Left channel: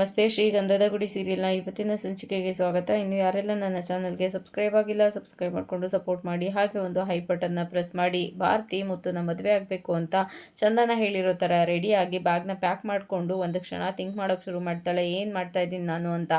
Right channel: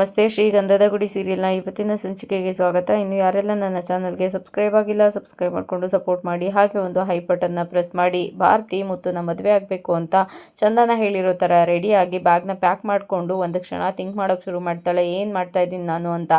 ನಮಸ್ತೆ. ಶ್ರೀಗಂಧದ ಗುಡಿ ಸೀರಿಯಲ್ನ ಇವತ್ತಿನ ಸಂಚಿಕೆಗೆ ಸ್ವಾಗತ. ಇನ್ನು ಯಾರೆಲ್ಲ ನನ್ನ ಚಾನಲ್ಗೆ ಸಬ್ಸ್ಕ್ರೈಬ್ ಆಗಿಲ್ಲ, ಸಬ್ಸ್ಕ್ರೈಬ್ ಮಾಡಿಕೊಂಡು ಸಪೋರ್ಟ್ ಮಾಡಿ. ಹಾಗೆ ಒಂದು ಹೈ ಬಟನ್ನ ಪ್ರೆಸ್ ಮಾಡಿ. ಭಾರತಿ ಮುತ್ತುನ ಮದುವೆ ಆಗಬೇಕು ಅಂತ ಚಂದನ ಹೇಳಿರೋ ಥರ ರೆಡಿಯಾಗಿ ಬ್ಯಾಗ್ನ ಪ್ಯಾಕ್ ಮಾಡಿಕೊಂಡು ಒಂದು ಕ್ಷಣ ಥಿಂಕ್ ಮಾಡೋಕ್ಕೆ ಶುರು ಮಾಡ್ತಾಳೆ. ಏನು ಮಾಡ್ತಾ ಇದ್ದೀನಿ ನಾನು ಅಂತ.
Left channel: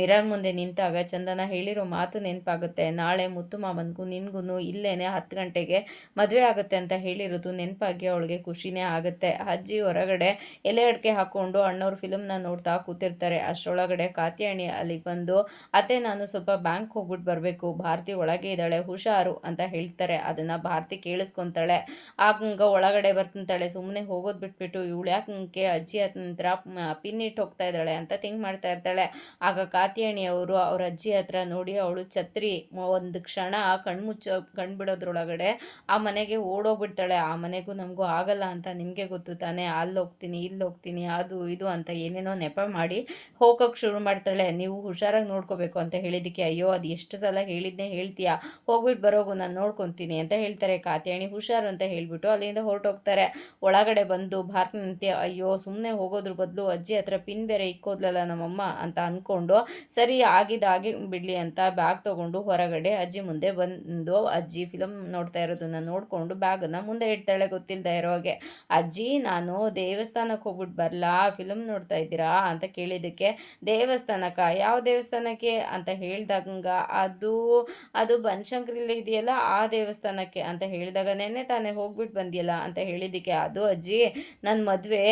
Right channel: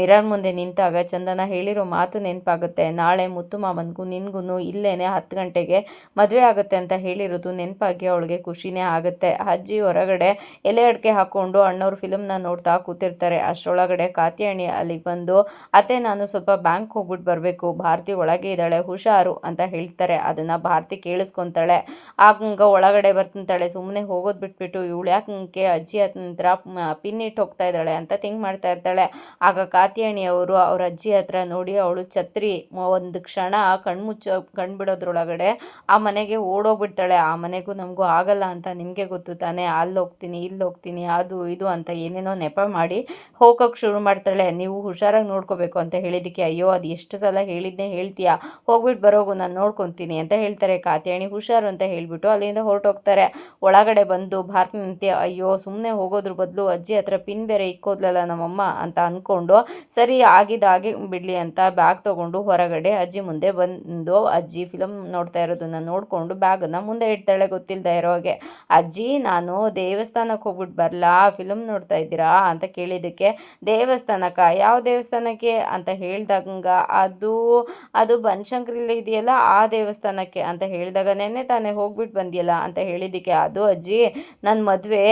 ಮಿರರ್ ಮುಂದೆ ನಿಂತಾಗ ಚಂದನ ಹೇಳಿರೋ ಮಾತು ನೆನಪಾಗುತ್ತೆ. ನಾಳೆ ಮುತ್ತು ಮಾಮನಿಗೂ ನಿನ್ಗೂ ಇಲ್ಲೇನೆ 10 ಗಂಟೆಗೆ ಮದುವೆ ಆಗುತ್ತೆ ಅಂತ ಹೇಳಿರೋದು ನೆನಪಾಗಿ ಅವಳಿಗೆ ಖುಷಿನೇ ಆಗುತ್ತೆ. ಅಜ್ಜಿ ಹೊರಗಡೆ ಎಲೆ ಅಡಿಕೆ ಹಾಕ್ಕೊಂಡು ಅಣ್ಣವ್ರ ಫಿಲಮ್ನ ನೋಡ್ತಾ ಕೂತಿರ್ತಾರೆ. ಅಷ್ಟರೊಳಗಡೆ ಕಾತ್ಯಾಯಣಿ ಅಲ್ಲಿಗೆ ಬಂದು, ಅತ್ತೆ ನಾನು ಸ್ವಲ್ಪ ಬ್ಯಾಂಕ್ ಹೋಗ್ಬಿಟ್ಟು ಬರಬೇಕು, ಭಾರತಿ ಒಳಗೆ ಇದ್ದಾಳೆ, ಹುಷಾರು ಅಂತ ಹೇಳ್ತಾರೆ. ಅದನ್ನು ಭಾರತಿ ಕೇಳಿಸ್ಕೊತಾಳೆ. ಆಗ ಒಳಗಡೆ ಬರ್ತಾಳೆ. ಸುಮ್ಮನೆ ಹೋಗೋದು ಬಿಟ್ಬಿಟ್ಟು ಇವಳು ಯಾಕೆ ಅಜ್ಜಿ ಹತ್ರ ಪಿನ್ ಇಟ್ಟು ಹೋಗ್ತಾ ಇದ್ದಾಳೆ ಅಂತ ಥಿಂಕ್ ಮಾಡ್ತಾ ಇರ್ತಾಳೆ. ಆಗ ಕಾತ್ಯಾಯಣಿ ಅವರು ಅವ್ರ ಅಜ್ಜಿ ಹತ್ರ ನೋಡಿ ಅವಳು ಛತ್ರಿ ಒಂದು ಕ್ಷಣ ಕಣ್ಬಿಡೋದ್ರೊಳಗಡೆ ಆ ಮನೆಗೆ ಓಡೋಗ್ಬಿಡ್ತಾಳೆ. ಆ ಮನೆಗೂ ನಮಗೂ ಆಗಲ್ಲ ಅಂತ ನಿಮಗೆ ಗೊತ್ತು ತಾನೇ, ಅಲ್ಲಿ ಹೋಗ್ತೀನಿ ಇಲ್ಲಿ ಹೋಗ್ತೀನಿ ಅದು ಇದು ಅಂತ ಏನೇನೋ ನೆಪ ಮಾಡಿ ಹೋಗೋಕೆ ಶುರು ಮಾಡ್ತಾಳೆ. ನೀವು ಹುಷಾರಾಗಿ ನೋಡ್ಕೋಬೇಕು ಅಂತ ಹೇಳಿದ್ದಕ್ಕೆ, ಅಯ್ಯೋ ಅದು ಎಷ್ಟು ಸಲ ಹೇಳಿದ್ನೇ ಹೇಳ್ತೀಯಾ, ಹೋಗ್ಬಿಟ್ಟು ಬರೋಗು ನಾನು ನೋಡ್ಕೊತೀನಿ ಅಂತ ಹೇಳ್ತಾರೆ. ಕಾತ್ಯಾಯಣಿ ಹುಷಾರು ಅಂತ ಹೇಳ್ಬಿಟ್ಟು ಅಲ್ಲಿಂದ ಹೊರಟೋಗ್ತಾರೆ. ಒಳಗಡೆ ಬಂದು ಭಾರತನಂತೆ, ಅಯ್ಯೋ ಸುಮ್ಮನೆ ಹೋಗೋದ್ರ ಬದಲು ಅಜ್ಜಿ ಹತ್ರ ಪಿನ್ ಬೇರೆ ಇಕ್ಕೋದ್ಲಲ್ಲ ನಮ್ಮಮ್ಮ ಅಂತ ಅಂದ್ಕೊಂಡು, ಸರಿ ಆಗಿದ್ದಾಗಿ ಬಿಡಲಿ ಅಂತ ಬ್ಯಾಗ್ ತೊಗೊಂಡು ಹೊರಗಡೆ ಅಜ್ಜಿ ಮುಂದೆ ಬಂದು, ಅಜ್ಜಿ ಫಿಲಮ್ ನೋಡ್ತಾ ಇರೋದನ್ನ ನೋಡಿಕೊಂಡು ಬ್ಯಾಗನ್ನು ಮುಂದೆ ಇಡ್ತಾಳೆ ಗೊತ್ತಿಲ್ಲದೆ ಇರೋ ಹಾಗೆ. ಅಜ್ಜಿ ನಾನು ದೇವಸ್ಥಾನಕ್ಕೆ ಹೋಗ್ಬಿಟ್ಟು ಬರಲಾ, ಫಿಲಮ್ ನೋಡ್ತಾ ಇದ್ದೀರಾ ಅಂತ ಕೇಳಿದ್ದಕ್ಕೆ, ದೇವಸ್ಥಾನಕ್ಕೆ ಯಾವ ದೇವಸ್ಥಾನಕ್ಕೆ ಅಂತ ಹೇಳ್ದಾಗ, ಅದು ಅದು ಬನಶಂಕರಿಲಿ ಇದೆಯಲ್ಲ ಆ ದೇವಸ್ಥಾನಕ್ಕೆ ಅಂತ ಹೇಳಿದಾಗ, ನೆನ್ನೆ ತಾನೇ ಹೋಗ್ಬಿಟ್ಟು ಬಂದಿಯಲ್ಲ ಅಂತ ಹೇಳಿದ್ದಕ್ಕೆ, ಅದು ಅಜ್ಜಿ ನನ್ನ ಮದುವೆ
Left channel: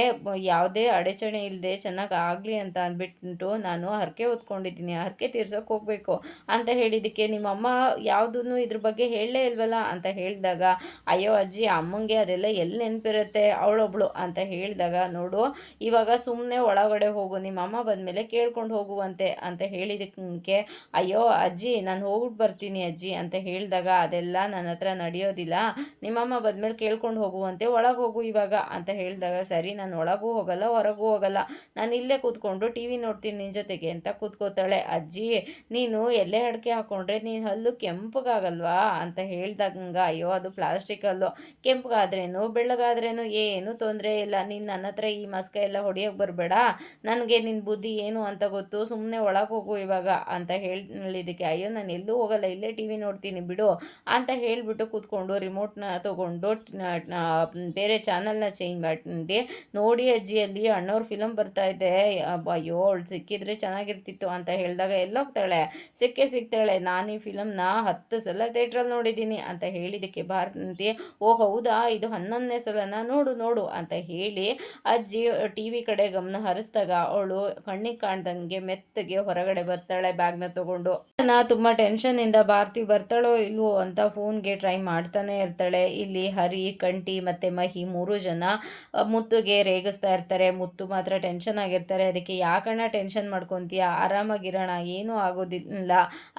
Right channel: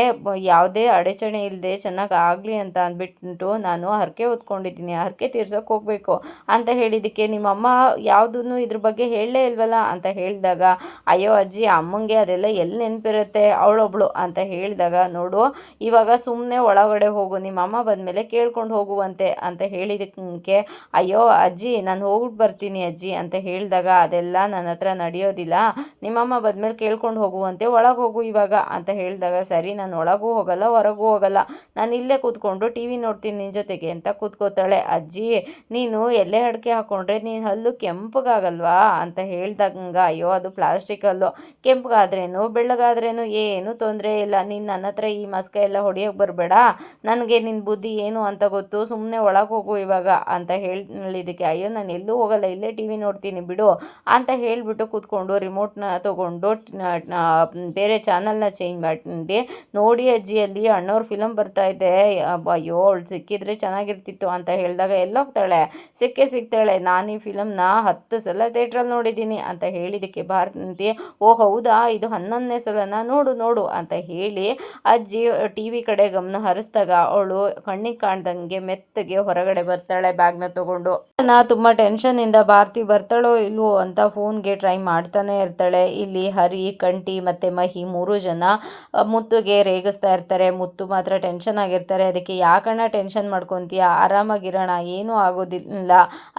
ಯಾವುದೇ ಅಡಚಣೆ ಇಲ್ಲದೆ ಚೆನ್ನಾಗಿ ಆಗಲಿ ಅಂತ ಅಂದ್ಬಿಟ್ಟು ನಾನು ಹರಕೆ ಹೊತ್ಕೊಂಡಿದ್ದೀನಿ, ಹರಕೆ ತೀರ್ಸೋಕೆ ಹೋಗಬೇಕು ಅಂತ ಹೇಳಿದ್ದಕ್ಕೆ, ನಿಮ್ಮಮ್ಮ ಯಾವುದೂ ಇದ್ರ ಬಗ್ಗೆ ಹೇಳಲೇ ಇಲ್ವಲ್ಲ ಅಂತ ಹೇಳಿದಾಗ, ಅಯ್ಯೋ ಅಜ್ಜಿ ಅಮ್ಮಂಗೆ ಅದೆಲ್ಲ ಎಲ್ಲಿ ನೆನಪಿರುತ್ತೆ ಅವಳೊಬ್ಳು ಅಂತ ಹೇಳಿದಾಗ, ನೋಡು ಇವಾಗ ಸುಮ್ಮನೆ ಒಳಗಡೆ ಹೋಗು, ನಿಮ್ಮ ಅಮ್ಮ ಬಂದಮೇಲೆ ಕೇಳ್ಕೊಂಡು ಹೋಗುವಂತೆ ಅಂತ ಹೇಳಿದ್ದಕ್ಕೆ, ಅಯ್ಯೋ ಅಜ್ಜಿ ನಾನು ಹೋಗ್ಬಿಟ್ಟು ಬರ್ತೀನಿ ಅಜ್ಜಿ ಅಂತ ಹೇಳಿದಾಗ, ಅದೆಲ್ಲ ನನ್ನ ಹತ್ರ ನಡೆಯೋದಿಲ್ಲ, ನಿಮ್ಮಮ್ಮ ಬಂದಮೇಲೆ ಕೇಳ್ಕೊಂಡು ಹೋಗುವಂತೆ, ಒಳಗೆ ಹೋಗು ಇವಾಗ ಅಂತ ಹೇಳಿದಾಗ, ಸರಿ ನಾನು ಒಳಗೂ ಹೋಗಲ್ಲ ಹೊರಗೂ ಹೋಗಲ್ಲ, ನಾನು ಇಲ್ಲೇ ಕೂತ್ಕೊಂಡು ಟಿ ವಿ ನೋಡ್ತೀನಿ ನಿನ್ನ ಜೊತೆಗೆ ಅಂತ ಕೂತ್ಕೋತಾಳೆ. ಅಜ್ಜಿ ನೀನು ಎಲೆ ಅಡಿಕೆ ಹಾಕ್ಕೊಂಡ್ರೆ ನೀನು ಹಲ್ಲು ಕೆಂಪಗಾಗಲ್ವಾ ಅಂತ ಹೇಳಿದಾಗ, ಅಯ್ಯೋ ಅದು ಪ್ಲಾಸ್ಟಿಕ್ ಹಲ್ಲು, ಕೆಂಪಗಾದ್ರೇನು ಬೆಳ್ಳಗಾದ್ರೇನು ಏನು ತೊಂದರೆ ಇಲ್ಲ, ನೀನು ನನ್ನ ಹತ್ರ ಈ ಮಸ್ಕ ಎಲ್ಲ ಹೊಡಿಯೋಕೆ ಬರಬೇಡ, ನನಗೆ ನಿನ್ನ ಬುದ್ಧಿ ಏನು ಅಂತ ಗೊತ್ತು, ಸುಮ್ಮನೆ ಒಳಗೆ ಹೋಗು ಇವಾಗ ಅಂತ ಹೇಳಿದ್ದಕ್ಕೆ, ಅಯ್ಯೋ ನಾನು ಎಲ್ಲೂ ಹೋಗಲ್ಲ ಇಲ್ಲೇ ಟಿ ವಿ ನೋಡ್ತೀನಿ ಬಿಡು ಅಂತ ಹೇಳಿಬಿಟ್ಟು ಕೂತ್ಕೊಂಡು ರಿಮೋಟ್ನ ತೊಗೊಂಡು ಬೇರೆ ಚಾನಲ್ನ ಚೇಂಜ್ ಮಾಡಿ, ನೋಡಿ ಅಜ್ಜಿಯಲ್ಲಿ ಅಣ್ಣವ್ರ ಫಿಲಮ್ ಬರ್ತಾ ಇದೆ, ಅಯ್ಯೋ ಅವಳು ಸಿಕ್ಕಿದ್ರೆ ಚೆನ್ನಾಗಿರ್ತಿತ್ತು ಅಂತ ಹೇಳಿದಾಗ, ಎಲ್ಲೋಗ್ತಾಳೆ ಸಿಗ್ತಾಳೆ, ನಾನು ಈ ಫಿಲಮ್ನ 10 ಸಲ ಥಿಯೇಟ್ರಲ್ಲಿ ನೋಡಿದ್ದೀನಿ ಅಂತ ಹೇಳಿದ್ದಕ್ಕೆ, ಭಾರತಿ ಓ ಹೌದಾ ಇದು 11ನೇ ಸಲನ, ನೋಡು ನೋಡು ಅಂತ ಹೇಳಿ ಅಜ್ಜಿ ಟಿ ವಿ ಕಡೆ ಗಮನ ಹರಿಸಿದಾಗ ಅವಳು ಕಣ್ಣಿಗೆ ಕಾಣ್ದಂಗೆ ಮೆತ್ತಗೆ ಹೊರಗಡೆ ಬರ್ತಾಳೆ ಬ್ಯಾಗ್ನ ತೊಗೊಂಡು. ತುಂಬ ಟೆನ್ಷನ್ನಿಂದ ಭಾರತಿ ಬರ್ತಾಳೋ ಇಲ್ವೋ ಅಂತ ಫೋನ್ಗೆ ಟ್ರೈ ಮಾಡ್ತಾನೆ ಇರ್ತಾಳೆ. ಇಲ್ಲಿ ಹರಿ, ಕಂಠಿ ಮತ್ತು ಮಹಿ 3 ಜನ ಮುತ್ತುಗೆ ರೇಗಿಸ್ತಾ ಇರ್ತಾರೆ. ಮುತ್ತು ಮಾತ್ರ ಟೆನ್ಷನ್ ಆಗಿರ್ತಾರೆ. ಅದಕ್ಕೆ ಯಾಕಣ್ಣ ಟೆನ್ಷನ್ ಮಾಡ್ಕೊತೀಯ, ಆರಾಮಾಗಿರೋಣ, ಏನೂ ಆಗೋದಿಲ್ಲ,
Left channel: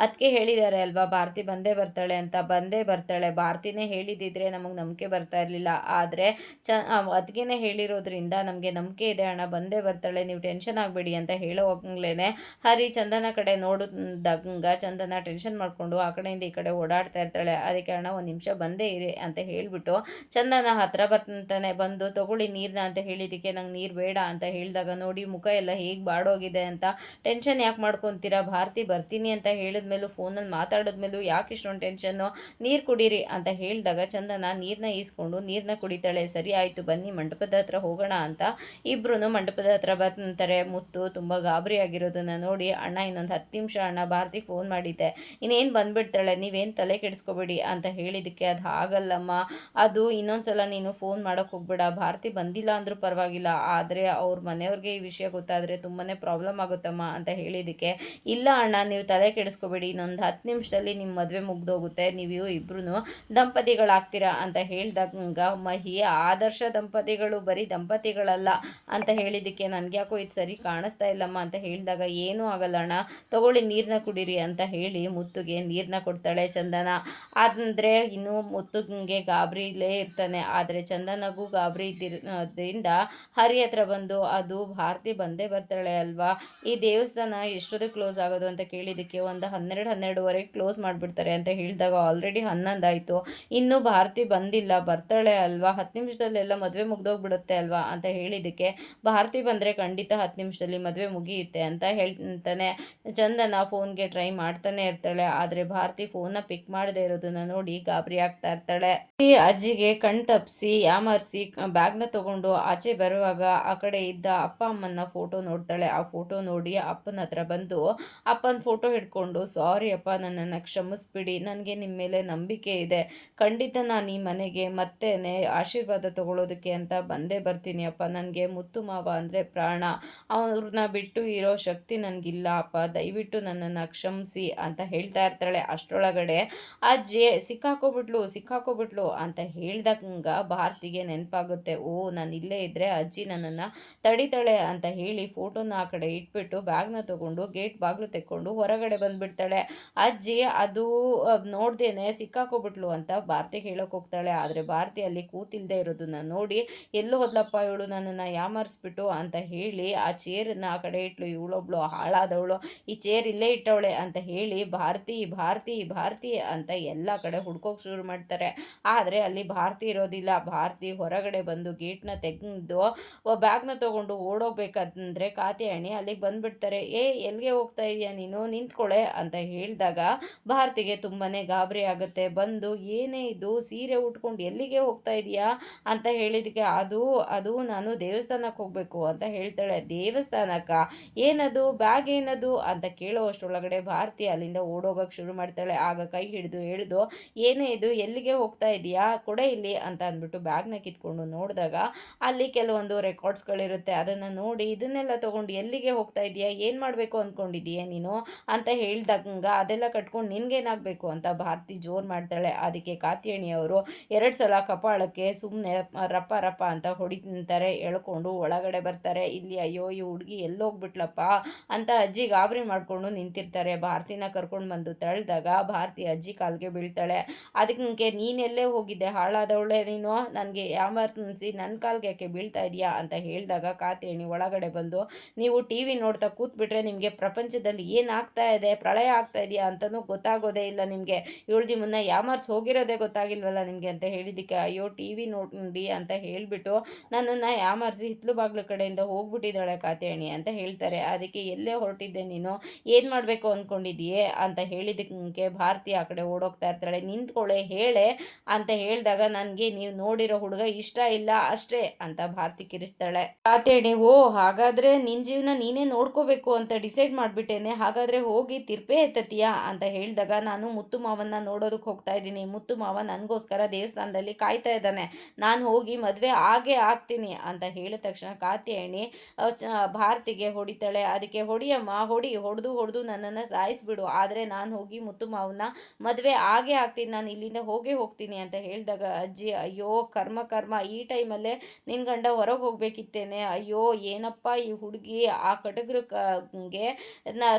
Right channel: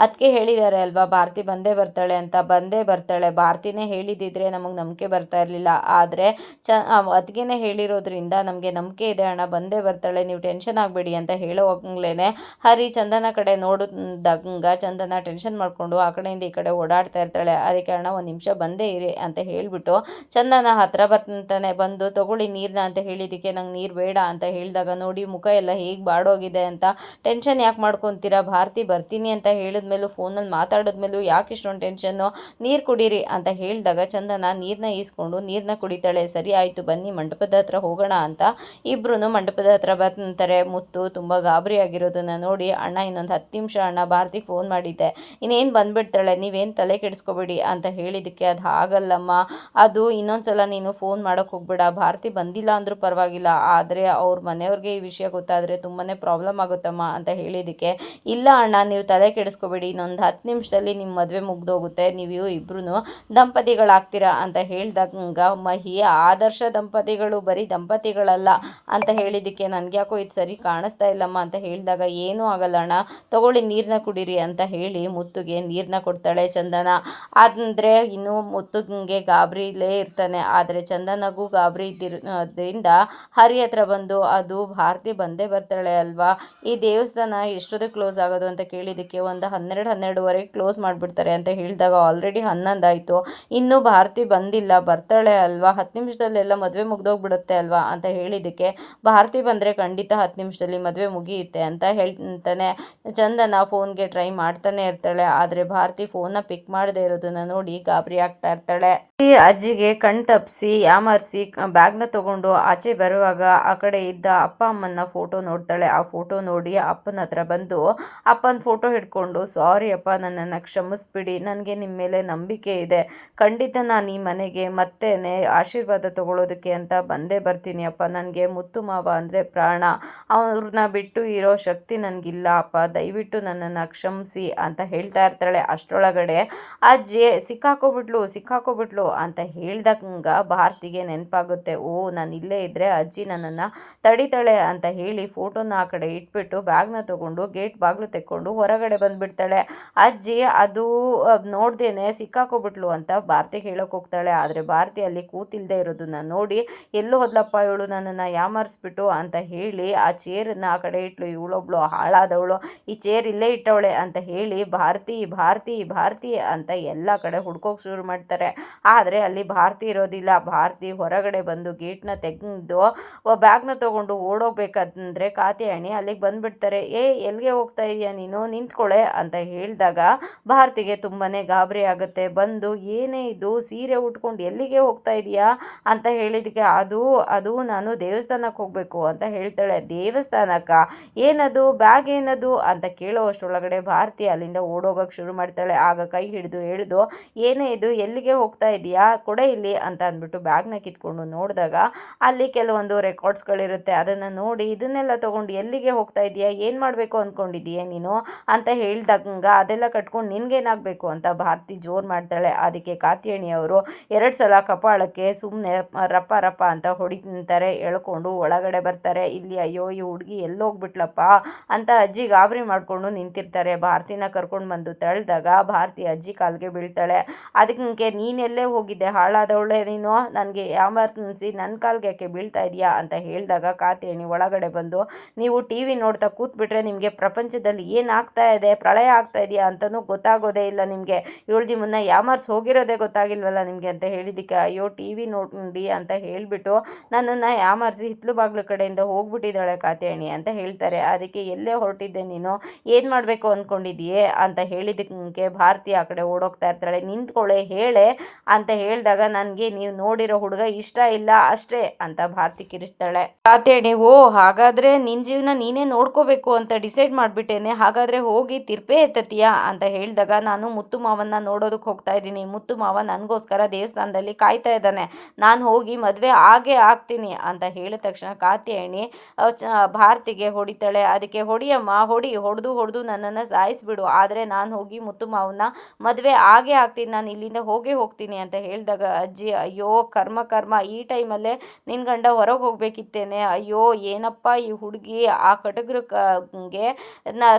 ಅದಕ್ಕೆ ಹೇಳಿದ್ದಾರೆ ಅಲ್ವಾ ಭಾರತಿ ಬಂದೇ ಬರ್ತಾಳೆ ಅಂತ, ಬಂದೇ ಬರ್ತಾಳೆ, ಭಾರತಿನೇ ಹೇಳಿದಿದ್ರೆ ನಮಗೆ ನಂಬಿಕೆ ಬರ್ತಾ ಇರಲಿಲ್ಲ, ಆದರೆ ಅದಕ್ಕೇ ಹೇಳಿರೋದ್ರಿಂದ ನಮಗೆ ನಂಬಿಕೆ ಇದೆ ಅಣ್ಣ, ಬಂದೇ ಬರ್ತಾಳೆ, ನೀವು ಟೆನ್ಷನ್ ಆಗಬೇಡಿ ಅಂತ ಹೇಳೋವಾಗಲೇ ಹರಿ ಚಂದನ ಕಡೆ ನೋಡಿದಾಗ ಚಂದನ ಟೆನ್ಷನ್ ಮಾಡಿಕೊಂಡು ಆ ಕಡೆಯಿಂದ ಈ ಕಡೆ ಓಡಾಡ್ತಾ ಇರ್ತಾಳೆ. ಅದಕ್ಕೆ ಅಣ್ಣ ಒಂದು ನಿಮಿಷ ಬಂದೇ ಇರಿ ಅಂತ ಹೇಳಿಬಿಟ್ಟು ಚಂದನ ಹತ್ರ ಬರ್ತಾನೆ. ಬಂದು ತಗೊಳ್ಳಿ ನೀರನ್ನ ಅಂತ ಹೇಳಿದ್ದಕ್ಕೆ, ನಂಗೆ ನೀರು ಬೇಡ ಅಂತ ಹೇಳಿದಾಗ, ನೋಡಿ ಮುಖ ಎಲ್ಲ ಹೇಗೆ ಬಾಡೋಗಿದೆ ಅಂತ, ಟೆನ್ಷನ್ ಯಾಕೆ ಮಾಡ್ಕೊತೀರಾ, ಭಾರತಿ ಬರ್ತೀನಿ ಅಂತ ಹೇಳಿದ್ಮೇಲೂ ಫೋನಲ್ಲಿ ಮಾತಾಡಿದ್ಮೇಲೂ ಯಾಕೆ ಇಷ್ಟೊಂದು ಟೆನ್ಷನ್ನು, ನೀರು ಕುಡೀರಿ ಅಂತ ಹೇಳಿದಾಗ ಚಂದನ ನೀರನ್ನ ಈಸ್ಕೊಂಡು ನೀರನ್ನ ಕುಡಿತಾಳೆ. ಸರಿ ಆಯಿತು ಬನ್ನಿ ಮಂಟಪದ ಹತ್ರ ಹೋಗೋಣ ಅಂತ ಇಬ್ಬರೂ ಮಂಟಪದ ಹತ್ರ ಬರ್ತಾರೆ. ಮುತ್ತು ತುಂಬ ಗಾಬರಿ ಆಗಿರೋದನ್ನು ನೋಡಿ, ಅಣ್ಣ ಇನ್ನೊಂದು 10 ನಿಮಿಷ ಅಣ್ಣ, ಭಾರತಿ ಫೋನ್ ಮಾಡಿದ್ದೆ, ಇನ್ನೇನು ಬಂದುಬಿಡ್ತಾಳೆ, ನೀವೇನು ತಲೆ ಕೆಡಿಸ್ಕೋಬೇಡಿ ಅಂತ ಹೇಳಿದ್ದಕ್ಕೆ, ಅದು ಆಗಲ್ಲಮ್ಮ, ಅದು ಇನ್ನೊಂದು ಸಲ ನೀನು ಫೋನ್ ಮಾಡೋಕ್ಕೆ ಹೋಗ್ಬೇಡ, ಭಾರತಿ ಬಂದಿಲ್ಲ ಅಂದರೂ ಪರವಾಗಿಲ್ಲ, ಆದರೆ ಅವ್ರ ಮನೆಯವ್ರಿಗೆ ಈ ವಿಷಯ ಗೊತ್ತಾದರೆ ತುಂಬಾ ಪ್ರಾಬ್ಲಮ್ ಆಗುತ್ತಮ್ಮ ಅಂತ ಹೇಳಿದ್ದಕ್ಕೆ, ಇಲ್ಲ ಅಣ್ಣ ನೀವು ತಲೆ ಕೆಡಿಸ್ಕೋಬೇಡಿ, ಇನ್ನೊಂದು 10 ನಿಮಿಷದಲ್ಲಿ ನಿಮ್ಮ ಮದುವೆ ಮುಗ್ದೋಗುತ್ತೆ, ನೀವು ಇಬ್ಬರೂ ದಂಪತಿಗಳಾಗ್ತೀರಾ ಅಂತ ಹೇಳಿದಾಗ, ಮಹಿ ಆದರ್ಶ ದಂಪತಿಗಳು ಬರೀ ದಂಪತಿಗಳಲ್ಲ ಅಂತ ಹೇಳಿದ್ದಕ್ಕೆ, ನನಗೆ ಯಾಕೋ ಇದು ಸರಿ ಕಾಣಿಸ್ತಾ ಇಲ್ಲಮ್ಮ ಅಂತ ಹೇಳಿದಾಗ, ಏನೂ ಆಗಲ್ಲ ಅಣ್ಣ ತಗೊಳ್ಳಿ ನೀರನ್ನ ಕುಡೀರಿ ಅಂತ ಹೇಳಿ ಮುತ್ತುಗೆ ನೀರನ್ನ ಕೊಡ್ತಾಳೆ ಚಂದನ. ಅಂದರೆ ಇನ್ನು ಮುತ್ತುಗೆ ಗಾಬರಿಲೇ ಇರ್ತಾನೆ, ಆದರೆ ಚಂದನಗೂ ಗಾಬರಿ ಇದ್ದಿರೋದ್ರಿಂದ ಹರಿ ಹತ್ರ ಬಂದು, ಅದು ಭಾರತಿ ಬಂದೇ ಬರ್ತಾಳೆ ಅಲ್ವಾ, ಈ ದೇವಸ್ಥಾನ ಎಷ್ಟೊತ್ತಿಗೆ ಕ್ಲೋಸ್ ಆಗೋದು ಅಂತ ಕೇಳಿದ್ದಕ್ಕೆ, ಒಂದು 12-12:30 ಕ್ಲೋಸ್ ಮಾಡಿಬಿಡ್ತಾರೆ ಅಂತ ಹೇಳಿದಾಗ, ಆಲ್ರೆಡಿ 11 ಆಯಿತು, ಇನ್ನೂ ಭಾರತಿ ಬಂದಿಲ್ಲ, ಬರ್ತಾಳೆ ಅಲ್ವಾ, 10 ನಿಮಿಷದಲ್ಲೆಲ್ಲ ಮದುವೆ ಮುಗ್ದೋಗ್ಬಿಡುತ್ತೆ ಅಲ್ವಾ ಅಂತ ಹೇಳಿದ್ದಕ್ಕೆ, ಭಾರತಿ ಬಂದರೆ ಖಂಡಿತ 10 ನಿಮಿಷ ನಿಮಿಷದಲ್ಲಿ ಮದುವೆ ಮುಗಿಯುತ್ತೆ ಅಂತ ಹೇಳ್ತಾನೆ. ಚಂದನ ಫೋನ್ಗೆ ಟ್ರೈ ಮಾಡ್ತಾನೆ ಇರ್ತಾಳೆ. ಆದರೆ ಭಾರತಿ ಫೋನ್ನ ಪಿಕ್ ಮಾಡದೇ ಇರೋದನ್ನ ನೋಡಿ ಗಾಬರಿ ಆಗ್ತಾ ಇರ್ತಾಳೆ. ಈ ಅಜ್ಜಿಗೆ ಕಣ್ ತಪ್ಪಿಸಿ ಯಾಮರ್ಸಿ ಬ್ಯಾಗ್ನ ತಗೊಂಡು ಆಚೆ ಬರುವಾಗ ಆ ಕಡೆ ಇದ್ದ ಅಪ್ಪ ಅಮ್ಮನ ಫೋಟೋ ನೋಡ್ತಾಳೆ. ಆ ಫೋಟೋ ನೋಡಿ ಅಪ್ಪನ ಹತ್ರ ಬಂದು ಅಪ್ಪನ ಫೋಟೋ ಹಿಡ್ಕೊಂಡು, ಸಾರಿ ಅಪ್ಪ, ನನ್ನನ್ನು ಕ್ಷಮಿಸ್ಬಿಡಿ, ನನಗೆ ನಿಮ್ಮ ಮೇಲೆ ನಂಬಿಕೆ ಇದೆ, ಖಂಡಿತ ನಾನು ಈ ಮನೆಗೆ ಮತ್ತೇನೆ ಆಶೀರ್ವಾದ ತಗೊಳ್ಳೋದಕ್ಕೆ ಅಂತ ಬಂದೇ ಬರ್ತೀನಿ ಅಪ್ಪ, ನನಗೆ ಮುತ್ತು ಮಾವ ಅಂದರೆ ಪ್ರಾಣ, ಅವ್ರನ್ನ ಬಿಟ್ಟು ಇರೋ ಶಕ್ತಿ ನನಗಿಲ್ಲ ಅಪ್ಪ, ದಯವಿಟ್ಟು ನನ್ನನ್ನು ಕ್ಷಮಿಸಿ ಅಂತ ಹೇಳ್ತಾ ಇರ್ತಾಳೆ. ಅಷ್ಟರೊಳಗಡೆ ಅಜ್ಜಿ ಸಿಕ್ಕಾಕೋಬಿಟ್ಲು ಅಂತ ಹೇಳ್ದಂಗ ಭಾರತಿಗೆ ನೆನಪಾಗುತ್ತೆ. ಓ, ನಾನು ಇಲ್ಲೇ ಇದ್ದರೆ ಅಜ್ಜಿ ನನ್ನನ್ನು ತಡಿತಾಳೆ ಅಂತ ಹೇಳಿ ಫೋಟೋನ ಆ ಕಡೆ ಇಟ್ಬಿಟ್ಟು ಬ್ಯಾಗ್ನ ತಗೊಂಡು ಗೇಟ್ ಬಾಗಿಲು ತೆಕ್ಕೊಂಡು ಹೊರಗಡೆ ಬಂದುಬಿಡ್ತಾಳೆ. ಅಜ್ಜಿ ಅದು ನೋಡ್ದೇನೆ ಸಿಕ್ಕಾಕೋಬಿಟ್ಲು ಅಂತ ಭಾರತಿಗೆ ಹೇಳೋಕೆ ಹೋಗ್ತಾಳೆ. ಆದರೆ ಭಾರತಿ ಅಲ್ಲಿ ಕೂತಿಲ್ದೇ ಇರೋದನ್ನ ನೋಡಿ, ಎಲ್ಲೋ ಹೋದ್ಲಪ್ಪ ಇವಳು, ನನ್ನನ್ನು ಯಾಮರ್ಸ್ಬಿಟ್ಟು ಅಂತ ಹೇಳಿ ಆ ಚೇರನ್ನು ಆ ಕಡೆ ಇಟ್ಲು. ಇವಳೊಬ್ಳು ಹಾಳಾದವಳು, ಈ ಚೇರ್ ಇಲ್ಲೇ ಇಟ್ಟವಳೆ ಅಂತ ಹೇಳಿ ಭಾರತಿ ಭಾರತಿ ಭಾರತಿ ಅಂತ ಎಲ್ಲ ಕಡೆ ಹುಡ್ಕೋಕೆ ಶುರು ಮಾಡ್ತಾರೆ. ಆದರೆ ಅಲ್ಲಿ ಭಾರತಿ ಇರೋದಿಲ್ಲ. ಭಾರತಿ ಹೊರಗಡೆ ಬಂದು ಗೇಟ್ನ ತೆಗೆದು ಬ್ಯಾಗ್ನ ತೊಗೊಂಡು ಓಡೋಗ್ಬೇಕಂದ್ರೆ ಕಾತ್ಯಾಯಣಿ ಅಲ್ಲಿಗೆ ಬಂದುಬಿಡ್ತಾರೆ. ಎಲ್ಲಿಗೆ ಹೋಗ್ತಾ ಇದೆಯಾ ನೀನು, ನಿಂತ್ಕೊಳ್ಳೆ ಅಂತ ಹೇಳಿದಾಗ ಭಾರತಿಗೆ ತುಂಬಾ ಗಾಬರಿ ಆಗುತ್ತೆ. ಬಂದು ಏನೇ ಇದು, ಸೀರೆ ಉಟ್ಕೊಂಡು ಎಲ್ಲಿಗೆ ಹೋಗ್ತಾ ಇದೆಯಾ ಅಂತ ಹೇಳಿದಕ್ಕೆ ಅದು ನಾನು ದೇವಸ್ಥಾನಕ್ಕೆ ಹೋಗಬೇಕು ಅಂತ ಹೇಳ್ತಾಳೆ. ದೇವಸ್ಥಾನಕ್ಕ, ಏನದು, ಬ್ಯಾಗ್ ಏನದು ಅಂತ ಕೇಳೋ ಅಷ್ಟರೊಳಗಡೆ ಭಾರತಿ ಅಲ್ಲಿಂದ ಓಡೋಗಕ್ಕೆ ಶುರು ಮಾಡ್ತಾಳೆ. ಆಗ ಕೈ ಹಿಡಿದು ಹೇಳಿದು, ಏನೇ ಇದು, ಎಲ್ಲಿಗೆ ಹೋಗ್ತಾ ಇದೆಯಾ, ಕೊಡೆ ಇಲ್ಲಿ ಅಂತ ಅಂದ್ಬಿಟ್ಟು ಬ್ಯಾಗ್ನ ಕಿತ್ಕೊಂಡು ನೋಡಿದಾಗ ಅಲ್ಲಿ ಕೆಲವೊಂದು ರೆಕಾರ್ಡ್ಸ್ಗಳಿರುತ್ತೆ. ಅದನ್ನು ನೋಡಿ ಇದನ್ನೆಲ್ಲ ತೊಗೊಂಡು ಎಲ್ಲಿಗೆ ಹೋಗ್ತಾ ಇದೆಯಾ, ಏನು ಮಾಡಬೇಕು ಅಂದ್ಕೊಂಡಿದ್ದೀಯ ನೀನು ಅಂತ ಹೇಳ್ದಂಗ ಅದೆಲ್ಲ ಕಟ್ಕೊಂಡು ನಿನ್ಗೇನಾಗಬೇಕು ಅಂತ ಭಾರತಿ ಜೋರು ಮಾಡ್ತಾಳೆ. ಅದಕ್ಕೆ ಕಾತ್ಯಾಯಣಿಯವರು 2 ಸಲ ಕಪಾಳಕ್ಕೆ ಸುಮ್ಮನೆ ರಪ್ಪ ರಪ್ಪ ಅಂತ ಹೊಡಿತಾರೆ. ಎಳ್ಕೊಂಡು ಒಳಗಡೆ ಬರ್ತಾರೆ. ಇಲ್ಲಿ ಅಯ್ಯೋ ಈ ಹುಡುಗಿ ಎಲ್ಲೋಗ್ಬಿಟ್ಲಪ್ಪ ಅಂತ ಅಜ್ಜಿ ಗಾಬರಿ ಮಾಡಿಕೊಂಡು ನಿಂತಿರ್ತಾರೆ. ಭಾರತಿನ ಕರ್ಕೊಂಡು ಬಂದು ತಳ್ಳಿದಾಗ ಭಾರತಿ ಅಜ್ಜಿ ಕಾಲಿಗೆ ಬೀಳ್ತಾಳೆ. ಅದಕ್ಕೆ ನೀನೆಲ್ಲೇ ಹೋಗಿದ್ದೆ ಹಾಳಾದವಳೆ ನೀನು, ನನಗೆ ಯಾಮರ್ಸಿ ನನ್ನ ಕಾಲ್ಗೆ ಯಾಕೆ ಬೀಳ್ತಾ ಇದೆಯಾ ಅಂತ ಹೇಳಿದಾಗ ಕಾತ್ಯಾಯಣಿ ಒಳಗಡೆ ಬಂದು, ನೀವು ಟಿ ವಿ ನೋಡ್ತಾ ಕೂತ್ಬಿಟ್ರೆ ನಿಮಗೆ ಪ್ರಪಂಚದಲ್ಲಿ ಏನಾಗ್ತಾ ಇದೆ, ಪ್ರಳಯ ಆಗ್ತಾ ಇದೆಯಾ ಅಂತಲೂ ಗೊತ್ತಾಗೋದೇ ಇಲ್ಲ ನಿಮಗೆ, ಇವಳು ನಿಮ್ಮನ್ನು ಯಾಮರ್ಸಿ ಹೋಗಿರೋದೇ ಗೊತ್ತಾಗಿಲ್ವಲ್ಲ ನಿಮಗೆ ಅಂತ ಹೇಳಿದ್ದಕ್ಕೆ, ಅಯ್ಯೋ ಟಿ ವಿ ನೋಡಿ ಅಂತ ಹೇಳಿಬಿಟ್ಟು ನನ್ನನ್ನು ಯಾಮರ್ಸಿ ಹಿತ್ಲು ಬಾಗಿಲು ಕಡೆಯಿಂದ ಹೋಗ್ಬಿಟ್ಟಿದ್ದಾಳೆ ಕಾತ್ಯಾಯಣಿ ಅಂತ ಹೇಳ್ತಾರೆ. ಅದಕ್ಕೆ ಎಲ್ಲೇ ಹೊರಟಿದ್ದೆ ನೀನು, ಏನು ಮಾಡಬೇಕು ಅಂದ್ಕೊಂಡಿದ್ದೀಯೇ ಅಂತ ಹೇಳಿದ್ದಕ್ಕೆ ಭಾರತಿ ಆ ಕಡೆ ಓಡೋಗ್ತಾ ಇರ್ತಾಳೆ. ನಿಂತ್ಕೊಳ್ಳೆ ಹೇಳೆ ಅಂತ ಹೇಳಿದಾಗ, ನನಗೆ ನೀವು ನೋಡಿರೋ ಹುಡುಗ ಇಷ್ಟ ಇಲ್ಲ ಅಷ್ಟೇ ಅಂತ ಭಾರತಿ ಕಿರಿಸ್ತಾಳೆ. ಕಾತ್ಯಾಯಣಿ, ಓ ಹಾಗಾದರೆ ನಿನ್ನ ಜೀವನ ನೀನೇ ನೋಡ್ಕೋಬೇಕು ಅಂತ ಡಿಸೈಡ್ ಮಾಡಿಬಿಟ್ಟೇನೆ, ಹಾಗಾದರೆ ಹೋಗಿ ತಿರ್ಪೆ ಎತ್ತತೀಯಾ ಅಂತ ಹೇಳಿದಾಗ, ನಾನು ಮುತ್ತು ಮಾವನ್ನ ನೋಡೋದಕ್ಕೆ ಹೋಗ್ತಾ ಇದ್ದೀನಿ, ಮುತ್ತು ಮಾವ ನನಗೋಸ್ಕರ ದೇವಸ್ಥಾನದಲ್ಲಿ ಕಾಯ್ತಾ ಇದ್ದಾನೆ, ನಾನು ಹೋಗಿ ಮದುವೆ ಆಗ್ತೀನಿ ಅಂತ ಹೇಳಿದ ತಕ್ಷಣ ಕಾತ್ಯಾಯಣಿ ಭಾರತಿಗೆ ಹೊಡಿತಾಳೆ. ಅದಕ್ಕೆ ಹೊಡಿಯಮ್ಮ, ಹೊಡೆದು ನನ್ನನ್ನು ಸಾಯಿಸ್ಬಿಡು, ಆದರೆ ನಾನು ಹೋಗಿ ಮುತ್ತು ಮಾವನ್ನ ಮದುವೆ ಆಗ್ತೀನಿ, ನಾನು ಇಲ್ಲಿಂದ ಹೋಗ್ತೀನಿ ಅಂತ ಹೇಳಿದಾಗ ಅಜ್ಜಿ, ಅಯ್ಯೋ ಕರ್ಮ, ಈ ಟೈಮಲ್ಲೇ ನಿನ್ನ ಗಂಡ ಹೊರಗೆ ಹೋಗ್ಬೇಕಿತ್ತೇನೆ, ಅಯ್ಯೋ ಏನಪ್ಪ ಈ ಹುಡುಗಿ ಆ ಕಟಗ್ರಿಗೆ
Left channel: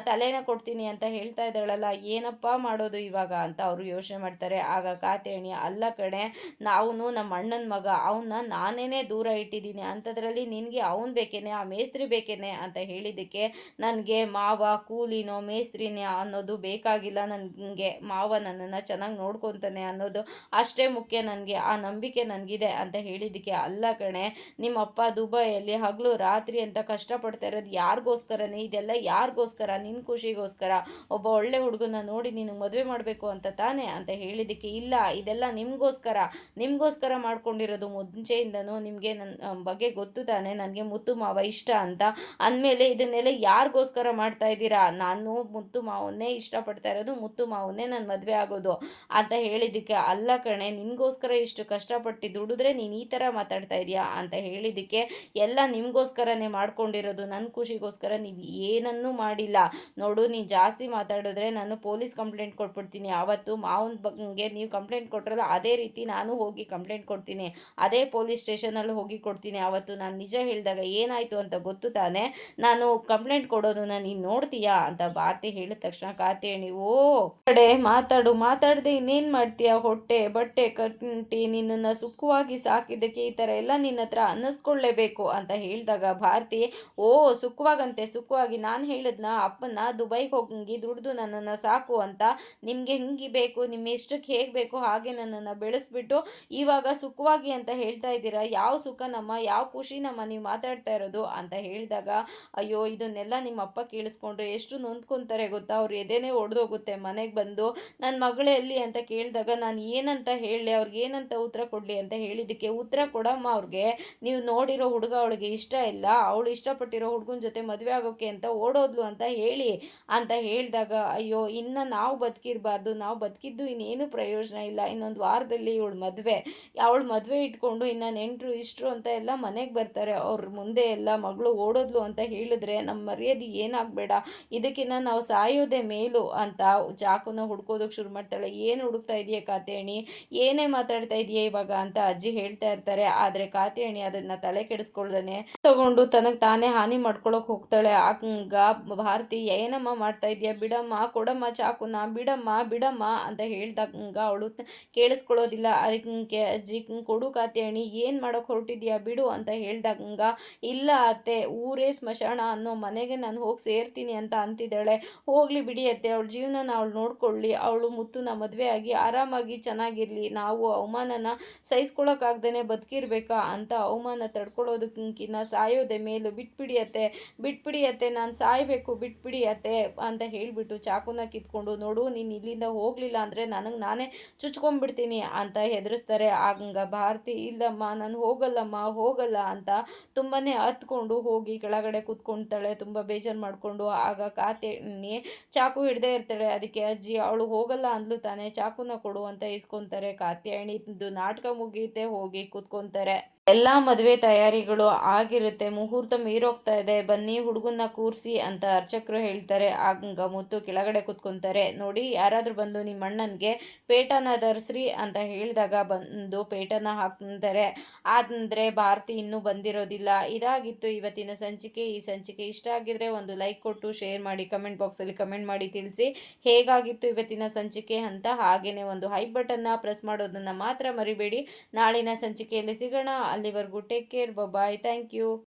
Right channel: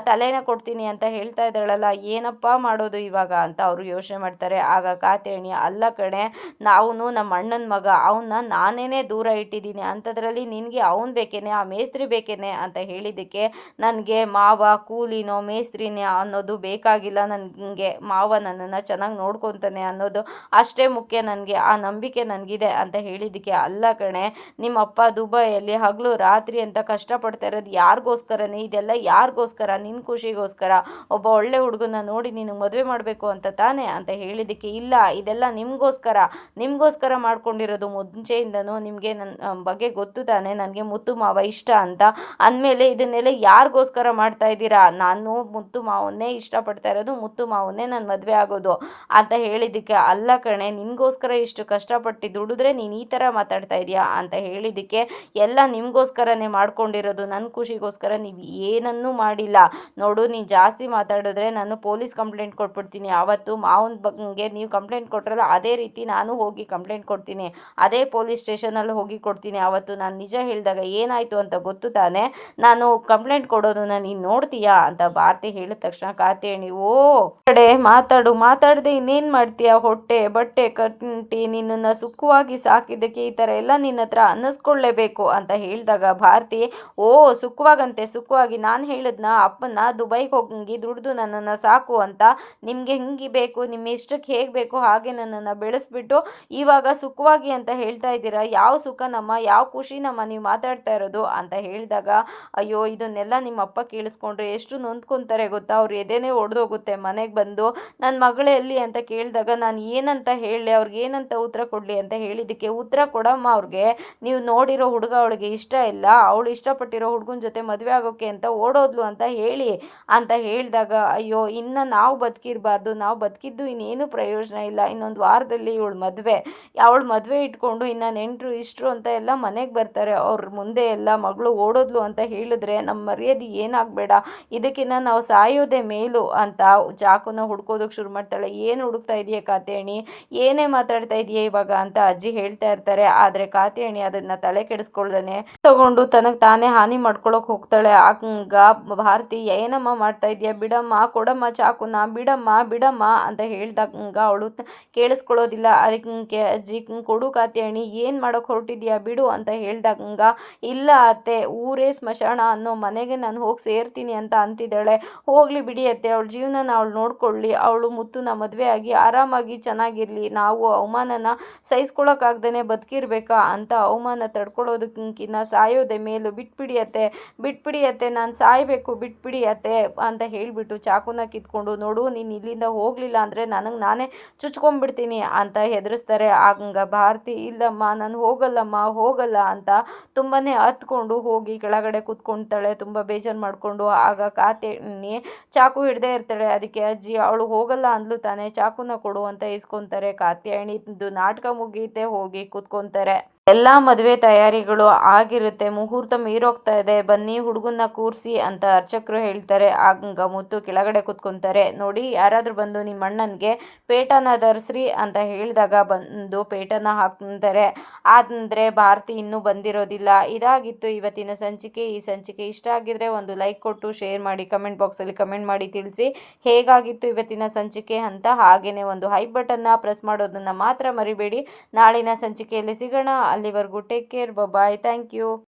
ತಲೆನ ಕೊಡ್ತೀನಿ ಅಂತ ಹೇಳ್ತಾ ಇದ್ದಾಳಲ್ಲ, ಏನಪ್ಪ ಮಾಡೋದು ಇವಾಗ ಅಂತ ಅವರು ಯೋಚನೆ ಮಾಡ್ತಾರೆ. ಆಗ ಕಾತ್ಯಾಯಣಿ, ಅಲ್ಲ ಕಣೆ, ನಾವು ನಮ್ಮ ಅಣ್ಣನ ಮಗ, ಅವನ್ನ ನಾನೇನೇ ದೂರ ಇಟ್ಟಿದ್ದೀನಿ, ಅಂಥದ್ರಲ್ಲಿ ನಿನಗೆ ಅವನು ಬೇಕೇನೆ, ಆ ಮೇಸ್ತ್ರಿ ಬೇಕೇನೆ ಅಂತ ಹೇಳಿದ್ದಕ್ಕೆ, ನನಗೆ ಮಾವ ಕೂಲಿನೋ ಮೇಸ್ತ್ರಿನೇ ಅನ್ನೋದು ಬೇಕಾಗಿಲ್ಲ, ನನಗೆ ಮಾವ ನನ್ನನ್ನು ಚೆನ್ನಾಗಿ ನೋಡ್ಕೊತಾನೆ ಅನ್ನೋದು ಅಷ್ಟೇ ಮುಖ್ಯ, ನನಗೆ ಆ ನಂಬಿಕೆ ನನಗಿದೆ ಅಂತ ಹೇಳಿದ್ದಕ್ಕೆ, ಅಲ್ಲ ಕಣೆ, ನಿಮ್ಮಪ್ಪ ದುಬೈಯಲ್ಲಿ ಹಗಲು ರಾತ್ರಿ ಅಂತ ಕಷ್ಟಪಡ್ತಾ ಇರೋದು ಯಾರಿಗೋಸ್ಕರನೇ, ಇದೆಲ್ಲ ಯಾರಿಗೋಸ್ಕರ, ನಿನ್ನ ಖುಷಿಗೋಸ್ಕರ, ಒಬ್ಬ ಒಳ್ಳೆ ಹುಡುಗನ ನೋಡಿ ನೀನು ಮದುವೆ ಮಾಡಬೇಕು ಅಂತ ತಾನೇ ಅಂತ ಹೇಳಿದ್ದಕ್ಕೆ, ಇಲ್ಲ ಇದೆಲ್ಲ ನಿಮಗೋಸ್ಕರ ಮಾಡ್ಕೊಂಡಿರೋದು, ಮುಂಚೆಯಿಂದನೂ ನಿಮಗೆ ನನ್ನ ಬಗ್ಗೆ ಗೊತ್ತು ತಾನೆ, ನನಗೆ ಮುತ್ತು ಮಾವ ಇಷ್ಟ ಅಂತ ಅಂದಮೇಲೆ ಇದನ್ನೆಲ್ಲ ಯಾರಿಗೋಸ್ಕರ ಮಾಡ್ತಾ ಇದ್ದೀರಾ, ನಾನು ಮುತ್ತು ಮಾವನ್ನೇ ಇಷ್ಟಪಡ್ತಾ ಇರೋದು, ಮುತ್ತು ಮಾವನ್ನೇ ನಾನು ಮದುವೆ ಆಗೋದು ಅಂತ ಹೇಳಿದ್ದಕ್ಕೆ, ಅಲ್ಲ ಕಣೆ, ನಿನಗೋಸ್ಕರ ಇಷ್ಟು ಕಷ್ಟಪಟ್ಟು ದುಡಿದ್ರೆ ನೀನು ಈ ಥರ ಮಾತಾಡ್ತಾ ಇದೆಯಾ ಅಂತ ಹೇಳಿದ್ದಕ್ಕೆ, ಎಲ್ಲ ನಿಮಗೋಸ್ಕರನೇ ಮಾಡ್ಕೊಂಡಿರೋದು, ನನ್ನ ಖುಷಿಗೋಸ್ಕರ ನೀವು ಏನನ್ನೂ ಮಾಡಿಲ್ಲ, ನೋಡು ನೀನು ಜಾಸ್ತಿ ಮಾತಾಡಿದ್ರೆ ನಾನು ಪೊಲೀಸ್ ಕಂಪ್ಲೇಂಟ್ ಕೊಟ್ಬಿಡ್ತೀನಿ, ಆವತ್ತು ಮಾವನ ಬಗ್ಗೆ ನೀವು ಕಂಪ್ಲೇಂಟ್ ಕೊಟ್ಟರಲ್ಲ ಅದೇ ರೀತಿ ನಾನು ಹೋಗಿ ಕಂಪ್ಲೇಂಟ್ ಕೊಡ್ತೀನಿ, ಅದೇ ಪೊಲೀಸ್ ಸ್ಟೇಷನಲ್ಲಿ ಹೋಗಿ ಕೊಡ್ತೀನಿ, ಆವತ್ತು ನಾನು ನಿಜ ಹೇಳಿದಾಗ ಏನಾಯಿತು ಅಂತ ಗೊತ್ತು ತಾನೆ, ನಾನು ಕಂಪ್ಲೇಂಟ್ ಕೊಡೋದನ್ನ ನೀನು ನೋಡ್ತೀಯಾ ಅಂತ ಭಾರತಿ ಹೇಳಿದ ತಕ್ಷಣ ಕಾತ್ಯಾಯಣಿ, ಓ ಕಡೆ ಮಾತಾಡದೆ ಇನ್ನೇನು ಮಾಡ್ತೀಯಾ, ಹೊಟ್ಟೆ ಬಟ್ಟೆ ಕಟ್ಟಿ ನಿನ್ನನ್ನು ಸುಖವಾಗಿ ಸಾಕಿದ್ದಕ್ಕೆ ಈ ಥರ ಎಲ್ಲ ನಿನ್ನ ಹತ್ರ ಅನ್ನಿಸ್ಕೊಳ್ಳೇಬೇಕು ಅಂತ ಹೇಳಿದಾಗ ಭಾರತಿ, ಓ ಸುಖವಾಗಿ ನಾನು ಹೇಳಿದ್ನ ಅಪ್ಪನ ದುಬೈಗೆ ಹೋಗಿ ದುಡಿದು ನನ್ನನ್ನು ಸಾಕು ಅಂತ, ನಿಮಗೆ ಹೆಂಗೆ ಬೇಕು, ನಿಮ್ಮ ಇಷ್ಟಕ್ಕೆ ಹೇಗೆ ಬೇಕು ಹಾಗೆ ನನ್ನನ್ನು ಬೆಳೆಸ್ಬಿಟ್ಟು ಇವಾಗ ಸುಖವಾಗಿ ಅಂತ ಹೇಳ್ತಾ ಇದ್ದೀರಾ, ಯಾವ ಸುಖ ನಮ್ಮ, ಯಾವ ಖುಷಿ ನಮ್ಮ ನೀವು ಮಾತಾಡ್ತಾ ಇರೋದು ಅಂತ ಹೇಳಿ ಹೇಳಿದಾಗ, ಅಯ್ಯೋ ಇದನ್ನೆಲ್ಲ ನಿಮ್ಮ ಅಪ್ಪ ಕೇಳಿಸ್ಕೊಂಡ್ರೆ ಎಷ್ಟು ನೊಂದ್ಕೊತಾರೆ ಗೊತ್ತಾ, ಅವ್ರ ಎದೆನೇ ಒಡೆದೋಗುತ್ತೆ. ಮನೆಗೆ ಬಂದು ನನ್ನ ಮಗಳೇ ಎಲ್ಲಿ ಅಂತ ಕೇಳಿದಾಗ ನಾನು ಏನಂತ ಹೇಳಲಿ, ಅವ್ರಿಗೆ ಏನಂತ ಉತ್ತರ ಕೊಡಲಿ ಅಂತ ಹೇಳಿದ್ದಕ್ಕೆ, ಉತ್ತರ ಕೊಡಮ್ಮ ಅವ್ರಿಗೆ, ನೀವು ನೋಡಿರೋ ಹುಡುಗ ಅವಳಿಗೆ ಇಷ್ಟ ಇಲ್ಲ, ಅವಳು ಇಷ್ಟಪಟ್ಟಿರೋ ಹುಡುಗನ ಜೊತೆ ಮದುವೆ ಆಗೋಕ್ಕೆ ಅಂತ ಓಡೋದ್ಲು ಅಂತ ಹೇಳಿ ಅಂತ ಹೇಳಿದಾಗ, ಅಯ್ಯೋ ಇನ್ನು ನಾವು ಬದುಕಿರಬಾರ್ದು, ನಾವು ಬದುಕಿದ್ದು ಇನ್ನೇನು ಪ್ರಯೋಜನ ಇಲ್ಲ, ಇನ್ನೊಂದು ವಾರದಲ್ಲಿ ಅವಳು ಮದುವೆ ಇಟ್ಕೊಂಡು ಇನ್ನು ನೆಂಟರು ಇಷ್ಟರು ಅಂತ ಎಲ್ಲ ಮನೆಗೆ ಬರ್ತಾರೆ, ಅವ್ರ ಮುಂದೆ ಎಲ್ಲ ಮಗಳು ಓಡೋದ್ಲು ಅಂತ ಹೇಳಿದ್ರೆ ನಮ್ಮ ಮರ್ಯಾದೆ ಏನಾಗಬೇಡ, ಇದಕ್ಕಿಂತ ನಾವು ಸಾಯೋದೇ ಮೇಲು ಅಂತ ಚಾಕುನ ಹುಡ್ಕೋದಕ್ಕೆ ಶುರು ಮಾಡ್ತಾಳೆ. ಏನು ಹುಡುಕ್ತಾ ಇದೆಯಾ ಕಾತ್ಯಾಯಣಿ, ಏನೇ ಮಾತಾಡ್ತಾ ಇದೆಯಾ ಇವಾಗ ಅಂತ ಅಜ್ಜಿ ಹೇಳ್ತಾ ಇರ್ತಾರೆ. ಆದರೆ ಕಾತ್ಯಾಯಣಿ ಅದನ್ನು ತಲೆ ಕೆಡಿಸ್ಕೊಳ್ದೇನೆ ತಗೊಂಡು ತನಗೆ ತಾನೇ ಹಾನಿ ಮಾಡ್ಕೊಳಕ್ಕೆ ಹೋಗ್ತಾಳೆ. ಆಗ ಭಾರತಿ ಏನಮ್ಮ ಮಾಡ್ತಾ ಇದೆಯಾ, ಬಿಡಮ್ಮ, ಕೊಡಮ್ಮ ಚಾಕುನ, ಬಿಡಮ್ಮ ಬಿಡಮ್ಮ ಅಂತ ಹೇಳ್ದಾಗ ಅವಳು ಕೇಳಿಸ್ಕೊಳ್ಳೋದಿಲ್ಲ. ಅದಕ್ಕೆ ಅಜ್ಜಿ, ಕೊಡು ಕಾತ್ಯಾಯಣಿ, ಏನು ಮಾಡೋಕ್ಕೆ ಹೊರಟಿದ್ಯಾ, ಬಿಡು ಅಂತ ಹೇಳ್ದಾಗ, ಇಲ್ಲ ಅತ್ತೆ, ಊರೇ ಸ್ಮಶಾನ ಅನ್ನೋ ಮನೆಗೆ ನಾನು ಹೋಗಿ ಸೇರ್ತೀನಿ ಅಂತ ಅಂತಿದ್ದಾಳೆ. ಹೋಗಲಿ ಬಿಡಿ ಅತ್ತೆ, ಅವಳ ಜೀವನನ ಅವಳು ನೋಡ್ಕೊಳ್ಳಿ, ಅವಳು ಮುತ್ತುನ ಮದುವೆ ಆಗಿ ಆರಾಮಾಗಿ ಚೆನ್ನಾಗಿರಲಿ, ನಾವು ಅವಮಾನನ ಸಹಿಸ್ಕೊಳಕ್ಕಾಗ್ದೇ ಬದುಕಿರ್ಬೇಕಾ ಅಂತ ಅವಮಾನ ತಡ್ಕೊಳ್ಳೋದಕ್ಕಿಂತ ಸಾಯೋದೆ ಮೇಲು, ಬಿಟ್ಬಿಡಿ ಅತ್ತೆ, ನಾನು ಸಾಯಬೇಕು, ಬಿಟ್ಬಿಡಿ ಅತ್ತೆ ಅಂತ ಹೇಳಿಬಿಟ್ಟು ಚಾಕುನ ಕಿತ್ಕೊಂಡು, ನೋಡು ನೀನು ಇಲ್ಲಿಂದ ಹೋಗಲಿಲ್ಲ ಅಂದರೆ ನನಗೆ ನಾನೇ ಚುಚ್ಕೊಂಡ್ಬಿಡ್ತೀನಿ ಅಂತ ಹೆದರಿಸ್ತಾರೆ. ಆಗ ಭಾರತಿ, ಇಲ್ಲಮ್ಮ ನಾನು ಹೋಗಲ್ಲ ಅಂತ ತುಂಬಾ ಹತ್ಕೊಂಡು ಹೋಗಿ ಕೆಳಗಡೆ ಕೂತ್ಕೊಳ್ತಾಳೆ, ತುಂಬ ಬೇಜಾರು ಮಾಡಿಕೊಂಡು. ಆಗ ಕಾತ್ಯಾಯಣಿ ಚಾಕು ಹಿಡ್ದೇ ಇರ್ತಾಳೆ. ಅದಕ್ಕೆ ಅಜ್ಜಿ, ಅವಳು ಹೋಗಲ್ಲ ಅಂದ್ಲು ತಾನೇ, ಚಾಕುನ ಕೊಡು ಅಂತ ಇಸ್ಕೊತಾರೆ. ಕಾತ್ಯಾಯಣಿದು ನಾಟಕ ಮುಗಿಯುತ್ತೆ, ಹೋಗಿ ಕೂತ್ಕೊತಾರೆ. ಎಲ್ಲ ಮದುವೆ ತಯಾರಿಗಳು ಆಗಿರುತ್ತೆ, ಮುಹೂರ್ತ ಮೀರೋಗ್ತಾ ಇದೆ, ಬನ್ನಿ ಹುಡುಗನ್ನ ಕೂರಿಸಿ ಅಂತ ಅರ್ಚಕರು ಹೇಳ್ತಾರೆ. ಆಗ ಮುತ್ತು ಕೆಳಗಡೆ ಕೂತ್ಕೊತಾರೆ. ನೋಡಿ, ಯಾರಾದರೂ ಬಂದು ನಿಮ್ಮ ಅಣ್ಣನಿಗೆ ಪೇಟನ ಧರಿಸ್ರಿ ಅಂತ ಹೇಳಿದಾಗ ಬಂದು ಪೇಟನ ಹಾಕ್ತಾರೆ. ಆದರೆ ಭಾರತಿ ಇನ್ನೂ ಬಂದಿರೋದಿಲ್ಲ. ಇದಾಗಿತ್ತು ಇವತ್ತಿನ ಸಂಚಿಕೆ. ಈ ಸಂಚಿಕೆ ಇಷ್ಟ ಆಗಿದ್ರೆ ಒಂದು ಲೈಕ್ ಕೊಟ್ಟು ಶೇರ್ ಮಾಡಿ, ಕಮೆಂಟ್ ಬಾಕ್ಸಲ್ಲಿ ಕಮೆಂಟ್ ಮಾಡಿ ತಿಳಿಸಿ ಹೇಗಾಗಿತ್ತು ಇವತ್ತಿನ ಸಂಚಿಕೆ ಅಂತ. ಹಾಗೆಯೇ ಒಂದು ಹೈ ಬಟನ್ನ ಪ್ರೆಸ್ ಮಾಡೋದನ್ನು ಮಾತ್ರ ಮರಿಬೇಡಿ. ನಾಳಿನ ಸಂಚಿಕೆಯಲ್ಲಿ ಸಿಗೋಣ. ಅಲ್ಲಿವರೆಗೂ take care, bye, thank you.